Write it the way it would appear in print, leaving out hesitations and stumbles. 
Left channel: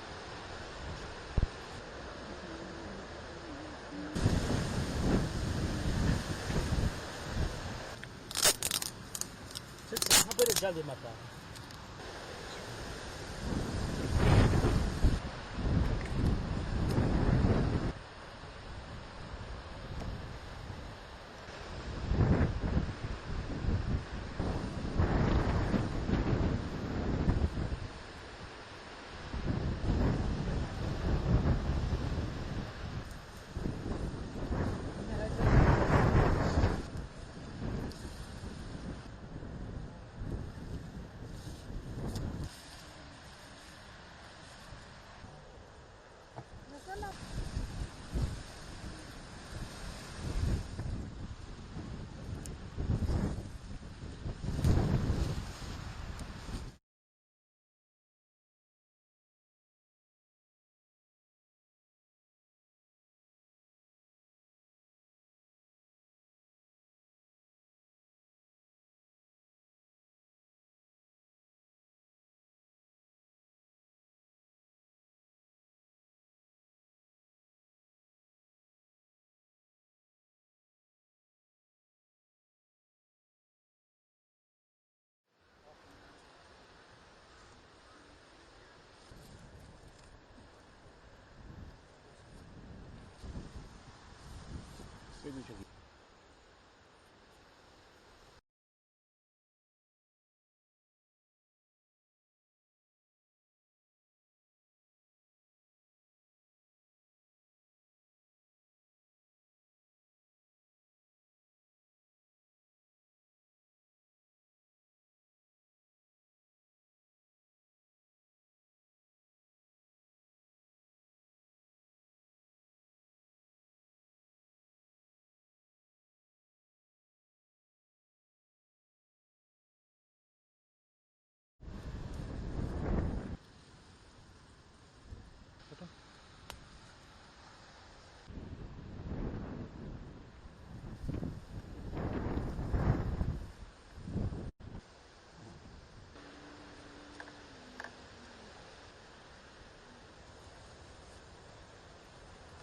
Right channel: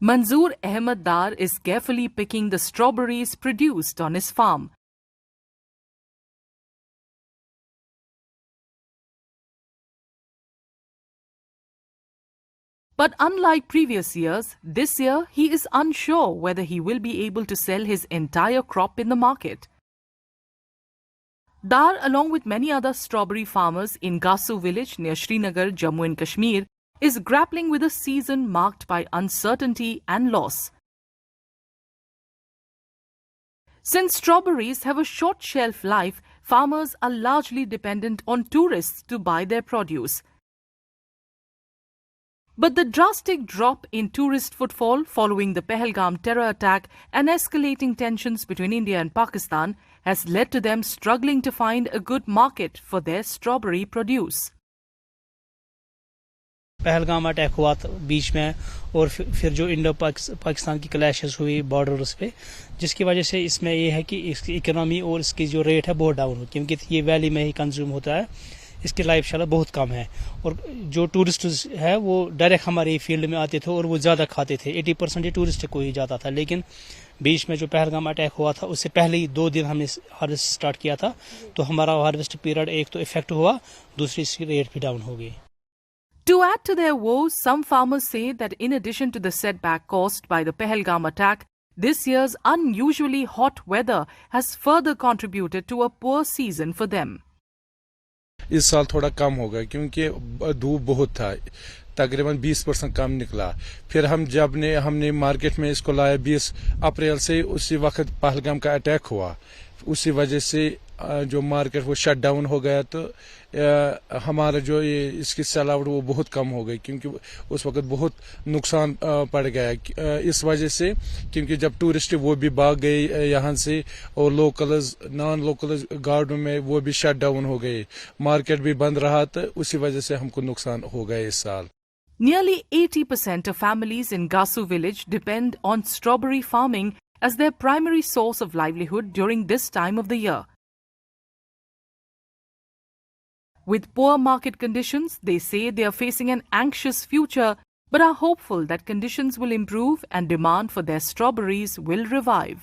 Manzoor Ahmed Dar is carefully picking the strawberries produced on his farm. But unlike previous years, this year he is unsure whether he will be able to sell his entire crop in the market. Dar, along with many other strawberry farmers in Gasu village near Srinagar, Jammu and Kashmir, is grappling with a season marked by uncertainty and loss. Since strawberries have a short shelf life, farmers are largely dependent on tourists to buy their produce. But the drastic drop in tourist footfall following the Pahalgam terror attack and escalating tensions between India and Pakistan has led to them struggling to find a good market for their strawberry produce. Pahalgam attack हुआ बीच में और फिर जो Indo Pakistan की clashes हुई borders पे, जिसकी वजह से इसमें ये है कि इसकी इकोनॉमी और इसकी जो रेट है बहुत डाउन हो, क्योंकि ये वैली में ही कंज्यूम होता है, इसकी लाइफ शाला बहुत कम है। और जो टूरिस्ट है वो डायरेक्ट हमारे फील्ड में आते थे और वो ज़्यादा खाते थे, 80% टूरिस्ट को ही जाता था। लेकिन बीच में जो पहलगाम अटैक हुआ था उससे पहले ही 2 दिन हमने हार्वेस्ट स्टार्ट किया था, तो हमारा हार्वेस्ट पीरियड एक तो इफेक्ट हुआ, दूसरी इसकी रेट भी डाउन हो गई। To add to their woes, some farmers say that in addition to the setback caused by the Pahalgam attack, this year's unusually hot weather has further contributed to a poor season for them. इस साल थोड़ा कम होगा क्योंकि धूप बहुत था, तकरीबन 20% कम निकला। फिर हमने मार्केट में इसको लाया 20 अप्रैल से, उसी वक्त पहलगाम का अटैक हुआ, उसी वजह से जो मार्केट वो शट डाउन हो गया, तो हमारा जो ये इसकी सेल-आउट वो बहुत कम हो गई, क्योंकि उस वक्त बहुत नुकसान पड़ गया इस वजह से, क्योंकि जब टूरिस्ट वो भी भाग गए यहाँ से और लोकल्स नॉन लोकल्स गार्डन में वो भी शट डाउन हो गए, मार्केट भी बंद रहा, तो उसी वजह से हमको नुकसान हो गया इस साल। Nearly 80% of families in Gasu village depend on strawberry farming as their primary source of livelihood during this time of the year. With poor market conditions, they say they are facing an anxious future, but are hopeful that conditions will improve and demand for their strawberries will revive.